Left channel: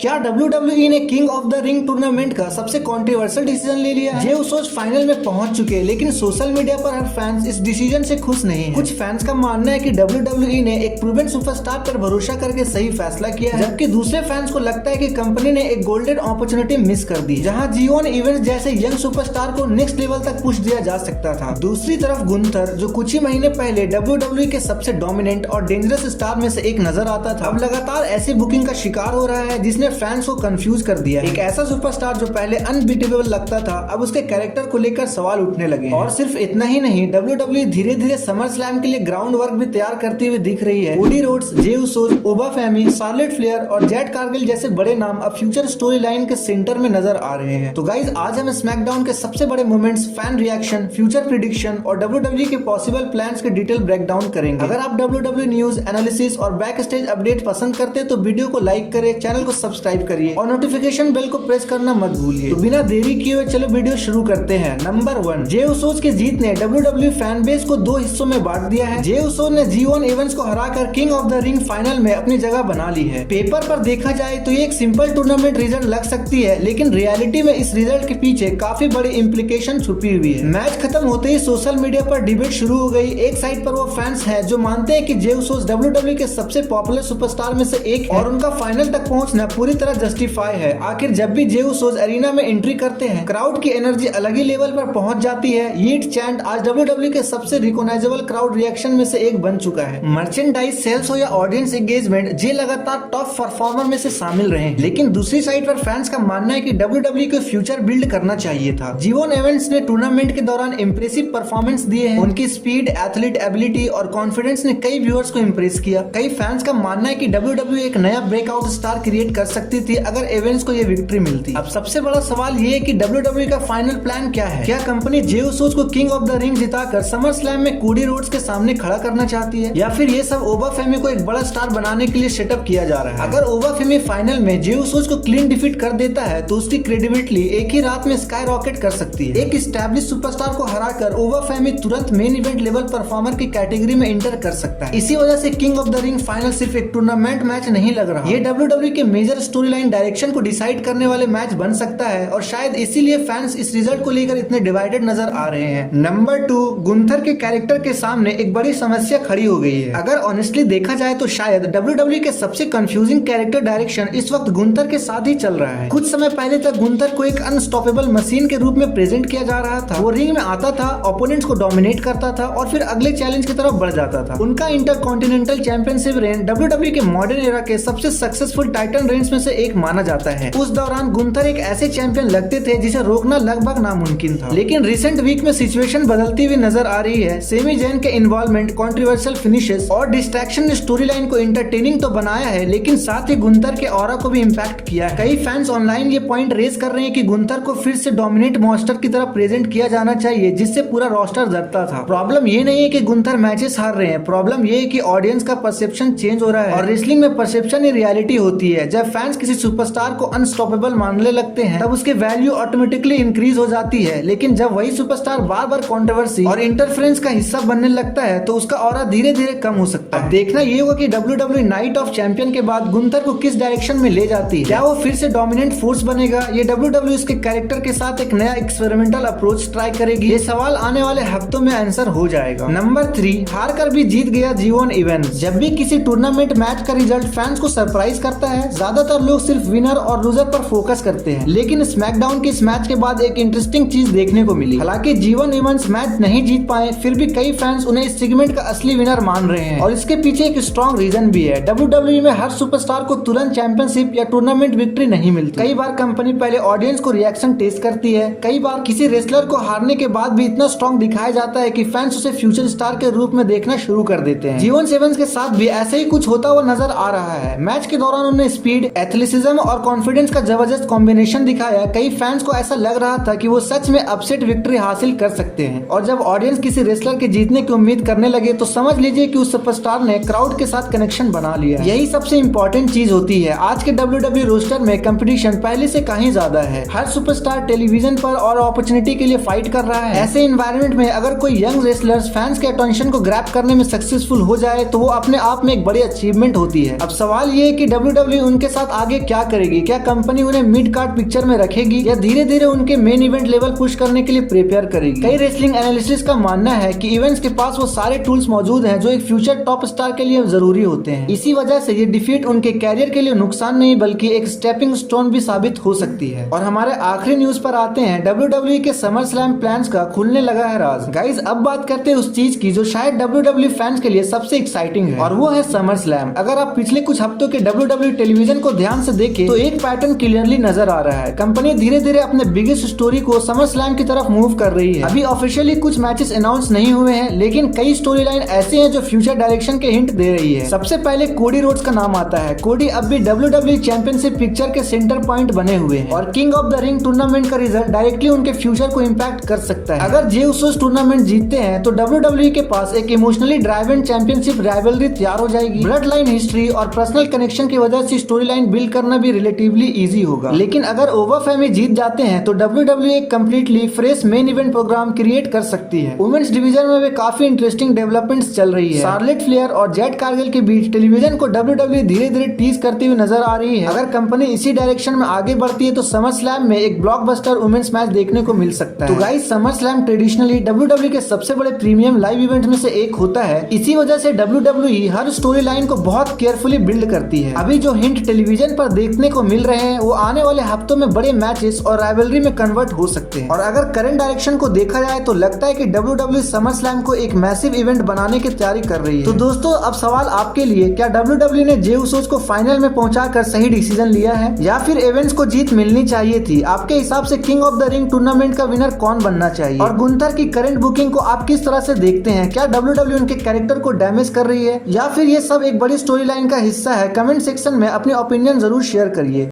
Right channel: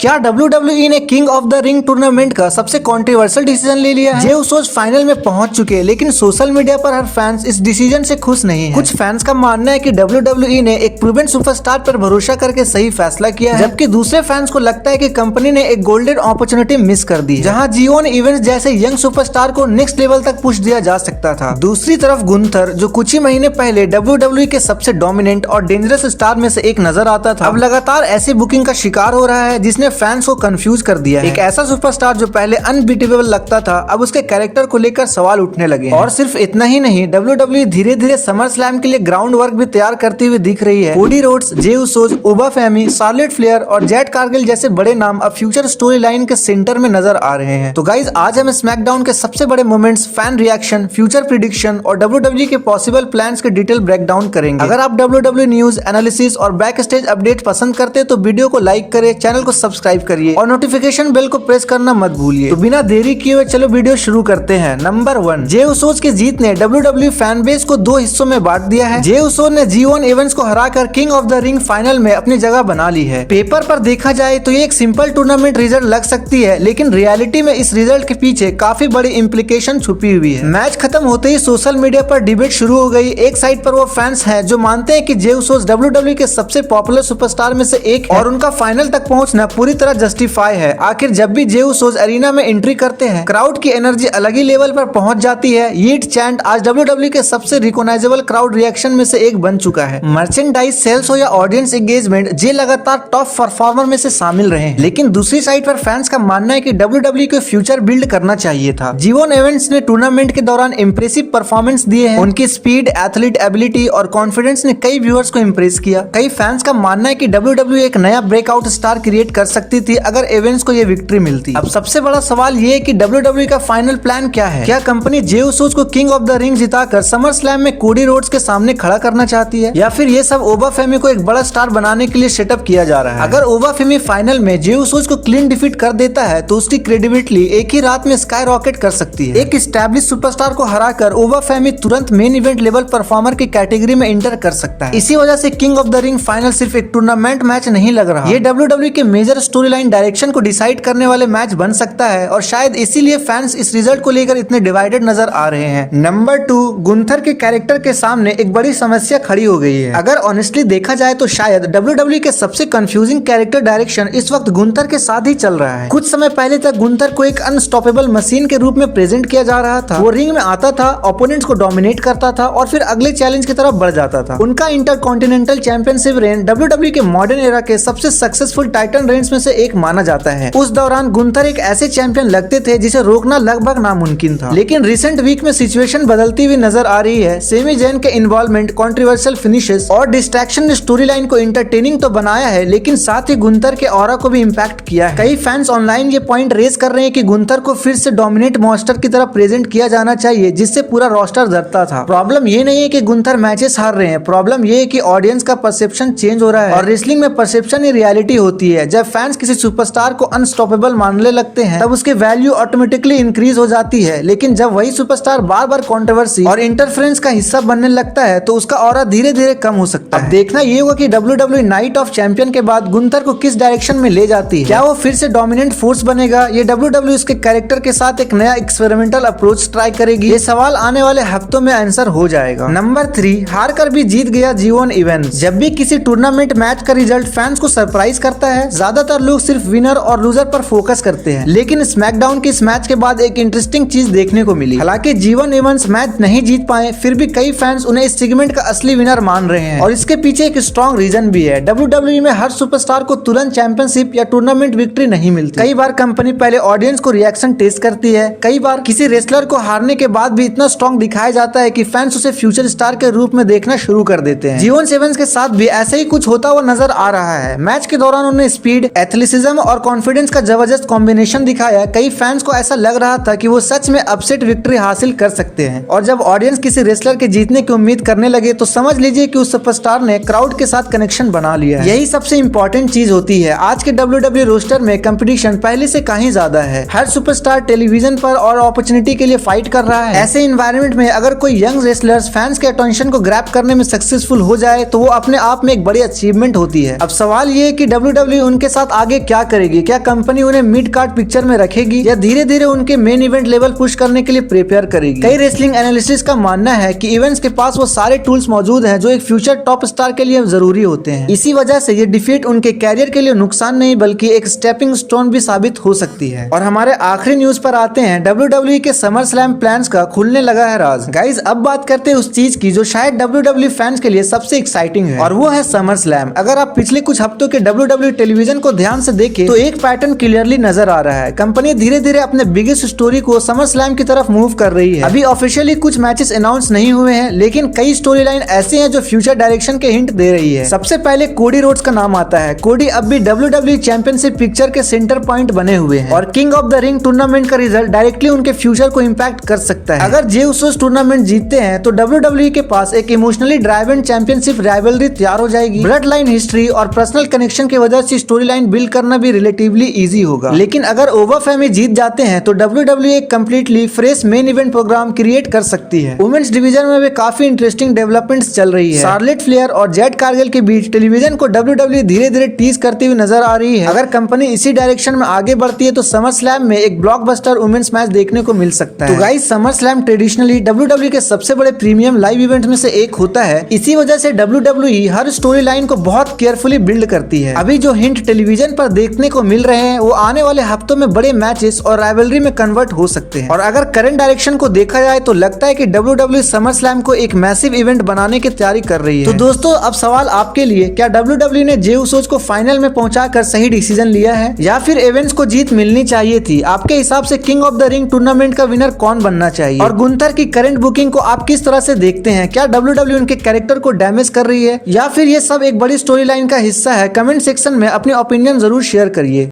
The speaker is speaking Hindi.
क्या WWE ने king of the ring tournament का सबसे कंट्रोवर्शियल डिसीजन ले लिया है? जे उसोस फाइनल में पहुंच चुके हैं, लेकिन सोशल मीडिया पर हर फैंस इस डिसीजन से खुश नहीं है। कुछ फैंस का मानना है कि WWE ने एक प्रूवन सुपरस्टार पर भरोसा करके सही फैसला किया है, जबकि दूसरे फैंस को लगता है कि कंपनी ने एक गोल्डन अपॉर्चुनिटी मिस कर दी, जहां G1 इवेंट्स जैसे यंग सुपरस्टार को नेक्स्ट लेवल तक पुश दिया जा सकता था। दूसरी तरफ गुंथर, जो कुछ ही महीने पहले WWE के सबसे डोमिनेंट और डेंजरस स्टार में से एक नजर आता था, अब लगातार ऐसी बुकिंग का शिकार हो रहा है जिसने फैंस को कंफ्यूज कर दिया है। एक ऐसा सुपरस्टार जो पहले अनबीटेबल लगता था, अब उसके कैरेक्टर को लेकर सवाल उठने लगे हैं। और सिर्फ इतना ही नहीं, WWE धीरे धीरे समर स्लैम के लिए ग्राउंड वर्क भी तैयार करती हुई दिख रही है। कोडी रोड्स, जे उसोस, उबा फेमी, शार्लेट फ्लेयर और जेट कारगिल जैसे बड़े नाम अब फ्यूचर स्टोरी लाइन के सेंटर में नजर आ रहे हैं। तो गाइज, आज हम स्मैकडाउन के सबसे बड़े moments, fan reaction, future prediction और WWE के पॉसिबल प्लान्स के डिटेल ब्रेकडाउन करेंगे। अगर आप WWE न्यूज, एनालिसिस और बैक स्टेज अपडेट पसंद करते हैं तो वीडियो को लाइक करें, चैनल को सब्सक्राइब करिए और नोटिफिकेशन बेल को प्रेस करना मत भूलिए। तो बिना देरी किए हुए चलो वीडियो शुरू करते हैं। नंबर 1, जे उसोस की जीत ने WWE फैन बेस को दो हिस्सों में बांट दिया है। जे उसोस ने G1 इवेंट्स को हराकर king of the ring final में अपनी जगह बना ली है। पेपर पर देखा जाए तो ये एक सिंपल टूर्नामेंट रिजल्ट लग सकती है, लेकिन रियलिटी में इस रिजल्ट के पीछे काफी बड़ी इम्प्लीकेशन छुपी हुई है। मैच खत्म होते ही सोशल मीडिया पर डिबेट शुरू हो गई। एक साइड पर वो फैंस हैं जो मानते हैं कि जे उसोस WWE के सबसे पॉपुलर सुपरस्टार में से एक है और उनका फाइनल तक पहुंचना पूरी तरह जस्टिफाई है। आखिर जब भी जे उसोस एरिना में एंट्री करते हैं, क्राउड की एनर्जी अलग ही लेवल पर पहुंच जाती है। यीट चैंट आज WWE के सबसे रिकॉग्नाइजेबल क्राउड रिएक्शन में से एक बन चुका है। मर्चेंडाइज सेल्स हो या ऑडियंस एंगेजमेंट, जे लगातार टॉप परफॉर्मर में से शामिल रहे हैं। लेकिन दूसरी साइड पर फैंस का मानना है कि WWE को फ्यूचर बिल्ड करना चाहिए था। G1 इवेंट्स ने टूर्नामेंट के दौरान इंप्रेसिव परफॉर्मेंस दिए हैं। उनकी स्पीड, एथलीट एबिलिटी और कॉन्फिडेंस ने कई व्यूअर्स को इंप्रेस किया। कई फैंस का मानना है कि WWE एक नया ब्रेकआउट स्टार क्रिएट कर सकती थी अगर इवेंट्स को ये विक्ट्री मिलती। अब सबसे बड़ा सवाल ये है कि WWE का फाइनल प्लान क्या है? क्या कंपनी जे उसोस को king of the ring जिताकर summer slam में कोडी रोड्स के सामने खड़ा करना चाहती है, या फिर ये सब ओबा फेमी को एक बड़ा स्टार बनाने के लिए सेटअप किया जा रहा है? अगर ओबा फेमी फाइनल में जे उसोस को क्लीन डिफीट कर देता है तो उसकी क्रेडिबिलिटी एक ही रात में स्काई रॉकेट कर सकती है। एक स्टैब्लिश सुपरस्टार को हराकर ओबा फेमी तुरंत मेन इवेंट लेवल परफॉर्मर की कैटेगरी में इंटर कर सकता है। इसी वजह से king of the ring final सिर्फ एक टूर्नामेंट मैच नहीं लग रहा, ये WWE के मेजर स्टोरी लाइन डायरेक्शन को डिसाइड करने वाले मैच बन सकता है और शायद इसीलिए फैंस इस रिजल्ट को लेकर इतने डिवाइडेड नजर आ रहे हैं। नंबर 2, गुंथर के कैरेक्टर के सामने एक बड़ी समस्या खड़ी हो गई है। अगर ऑनेस्टली देखा जाए तो शायद WWE के सबसे कंफ्यूजिंग कैरेक्टर डायरेक्शन इस वक्त गुंथर के साथ ही चल रहा है। कुछ समय पहले तक गुंथर को एक अनस्टॉपेबल मशीन के रूप में प्रेजेंट किया जा रहा था। वो रिंग में आता था, ओपोनेंट्स को डोमिनेट करता था और फिर अगले चैलेंज की तरफ बढ़ जाता था। उनका इंटरकॉन्टिनेंटल चैंपियनशिप रेन WWE के मॉडर्न एरा के सबसे सक्सेसफुल टाइटन रेंज में से एक माना जाता है। उस दौरान गुंथर एक ऐसे चैंपियन लगते थे जिसे रोकना लगभग नामुमकिन था। लेकिन रिसेंट वीक में सिचुएशन बदलती हुई नजर आ रही है। सेमी जैन के इन्वॉल्वमेंट, कंट्रोवर्शियल फिनिशेस और डिस्ट्रैक्शन ने स्टोरी लाइन को एंटरटेनिंग तो बनाया है, लेकिन साथ ही गुंथर के ऑरा को भी इम्पैक्ट किया है। कई फैंस ऑनलाइन ये पॉइंट रेज कर रहे हैं कि गुंथर को फिर से डोमिनेट मॉन्स्टर की तरह प्रेजेंट किया जाना चाहिए, जिससे पूरा रोस्टर डरता था। प्रॉब्लम ये नहीं है कि गुंथर मैचेस हार रहे हैं, प्रॉब्लम ये है कि ऑडियंस का परसेप्शन चेंज हो रहा है और रेसलिंग में परसेप्शन ही रियलिटी होती है। जब फैंस किसी सुपरस्टार को अनस्टॉपेबल मानने लगते हैं तब उसके वैल्यू ऑटोमेटिकली इंक्रीज हो जाती है, लेकिन जब वही सुपरस्टार बार बार कंट्रोवर्सी और इंटरफेरेंस का हिस्सा बनने लगता है तो उसका ऑरा धीरे धीरे कम हो सकता है। अब देखना ये होगा कि WWE नाइट ऑफ चैंपियन के बाद गुंथर को किस डायरेक्शन में ले जाती है। क्या वो फिर से डोमिनेंट फोर्स बनेगा? ये WWE उसके कैरेक्टर के साथ एक नया एक्सपेरिमेंटल अप्रोच ट्राई करेगी? ये सवाल आने वाले हफ्तों में आंसर हो जाएगा। नंबर 3, हार कर भी जीत गया G1 इवेंट। जब भी किसी टूर्नामेंट मैच का रिजल्ट फैंस को सरप्राइज करता है, ज्यादातर लोग सिर्फ विनर और लूजर पर फोकस करते हैं, लेकिन स्मैकडाउन के इस मैच के बाद एक इंटरेस्टिंग चीज देखने को मिली। हालांकि G1 इवेंट्स मैच नहीं जीत पाए, फिर भी कई फैंस उन्हें इस सेगमेंट का असली विनर मान रहे हैं और इसके पीछे एक स्ट्रॉन्ग रीजन भी है। WWE में हर सुपरस्टार को तुरंत चैंपियनशिप या टूर्नामेंट विक्ट्री नहीं मिलती। कई बार कंपनी पहले ऑडियंस को रिएक्शन टेस्ट करती है। कई बार किसी रेसलर को हारने के बाद भी इतना स्ट्रॉन्ग दिखाया जाता है कि फैंस उसे फ्यूचर स्टार के रूप में देखना शुरू कर देते हैं। G1 इवेंट्स के साथ भी ऐसे ही कुछ होता हुआ नजर आ रहा है। मैच के दौरान उन्होंने स्पीड, एथलेटिज्म और कॉन्फिडेंस का जबरदस्त कॉम्बिनेशन दिखाया। कई फैंस को ऐसा लग रहा था कि वो सच में अपसेट विक्ट्री हासिल कर सकते हैं और जब ऑडियंस किसी रेसलर के जीतने की उम्मीद करने लगे तो समझ लीजिए कि उस सुपरस्टार ने क्राउड के साथ कनेक्शन बना लिया। यही सबसे इंपॉर्टेंट चीज होती है। आज के WWE रोस्टर में कंपटीशन पहले से कहीं ज्यादा है। हर सुपरस्टार टेलीविजन पर और अपॉर्चुनिटी के लिए फाइट कर रहा है। ऐसे इन्वायरमेंट में अगर कोई यंग रेसलर्स फैंस के अटेंशन को ग्रैब करने में सक्सेसफुल हो जाए तो वो अपने आप में एक बड़ी अचीवमेंट होती है। अब सवाल ये है कि WWE उनके साथ बाद आगे क्या करेगी? क्या कंपनी उन्हें मिड कार्ड पिक्चर में रखेगी या धीरे धीरे उनके मेन इवेंट लेवल पुश करने के लिए प्रिपेयर करेगी? कई रेसलिंग एनालिसिस्ट का मानना है कि इवेंट्स के पास वो सारे टूल्स मौजूद हैं जो एक फ्यूचर टॉप स्टार के लिए जरूरी होते हैं। इसी वजह से ये डिफीट उनके कैरियर के लिए नुकसान नहीं बल्कि एक स्टेपिंग स्टोन भी साबित हो सकती है। और हमारे आखिरी न्यूज पर आते हैं। WWE के समर स्लैम प्लान्स का खुलने लगा है राज। गाइस अब बात करते हैं उस चीज की जो शायद WWE फैंस के लिए सबसे एक्साइटिंग है और वो है समर स्लैम। अगर आप पिछले कुछ हफ्तों के WWE टेलीविजन को ध्यान से देखें तो एक पैटर्न क्लियरली नजर आ रहा है। कंपनी धीरे धीरे अपने बिगेस्ट स्टोरी को समर स्लैम की तरफ मूव कर रही है। अभी ऑफिशियली कुछ मैचेस अनाउंस नहीं हुए हैं लेकिन कई स्टोरी लाइन ऐसे हैं जो फ्यूचर डायरेक्शन के हिंट दे रही है। सबसे पहले कोडी रोड्स का नाम आता है। कोडी अब भी WWE चैंपियनशिप पिक्चर के सेंटर पॉइंट बने हुए हैं और king of the ring tournament का रिजल्ट डायरेक्टली उनके फ्यूचर को इम्पैक्ट कर सकता है। अगर जे उसोस टूर्नामेंट जीतते हैं तो WWE के पास एक इमोशनली ड्राइवन चैंपियनशिप राइवलरी तैयार हो जाएगी। ब्लड लाइन हिस्ट्री और पर्सनल कनेक्शन की वजह से स्टोरी लाइन बिल्ड करना भी रिलेटिवली इजी होगा। लेकिन अगर ओवर फेमी जीत जाते हैं तो WWE एक completely fresh main event program create कर सकती है। वुमेन्स डिवीजन में भी काफी इंटरेस्टिंग डेवलपमेंट्स चल रही है। शार्लेट फ्लेयर और जेड कारगिल के बीच टेलीविजन को WWE धीरे धीरे टीज करती हुई नजर आ रही है। अगर कंपनी इसी डायरेक्शन में आगे बढ़ती है तो समर स्लैम में एक ब्लॉकबस्टर वुमेन्स मैच देखने को मिल सकता है। तो guys summer slam traditionally WWE के सबसे बड़े प्रीमियम लाइव इवेंट में से एक होता है। इसी वजह से WWE हर स्टोरी लाइन को बहुत केयरफुली बिल्ड करती है। अभी जो हिंट टेलीविजन पर देखने को मिल रहे हैं वो आने वाले हफ्तों में बड़े मैचेस और राइवलरी में कन्वर्ट हो सकते हैं। और अगर करंट डायरेक्शन को देखा जाए तो लगता है कि WWE समर स्लैम को एक मैसिव इवेंट बनाने की तैयारी कर रही है। तो दोस्तों अब सवाल आपके लिए, क्या WWE ने जे उसोस को फाइनल में पहुंचाकर सही डिसीजन लिया है या फिर इवेंट्स को जीत मिलनी चाहिए थी? आपके हिसाब से king of the ring tournament का विनर कौन बनना चाहिए? और गुंथर की करंट बुकिंग को आप किस तरह से देखते हैं? क्या WWE उनके कैरेक्टर को डैमेज कर रही है या फिर ये सब एक बड़ी स्टोरी लाइन का हिस्सा है? कमेंट सेक्शन में अपनी ओपिनियन जरूर शेयर करिए।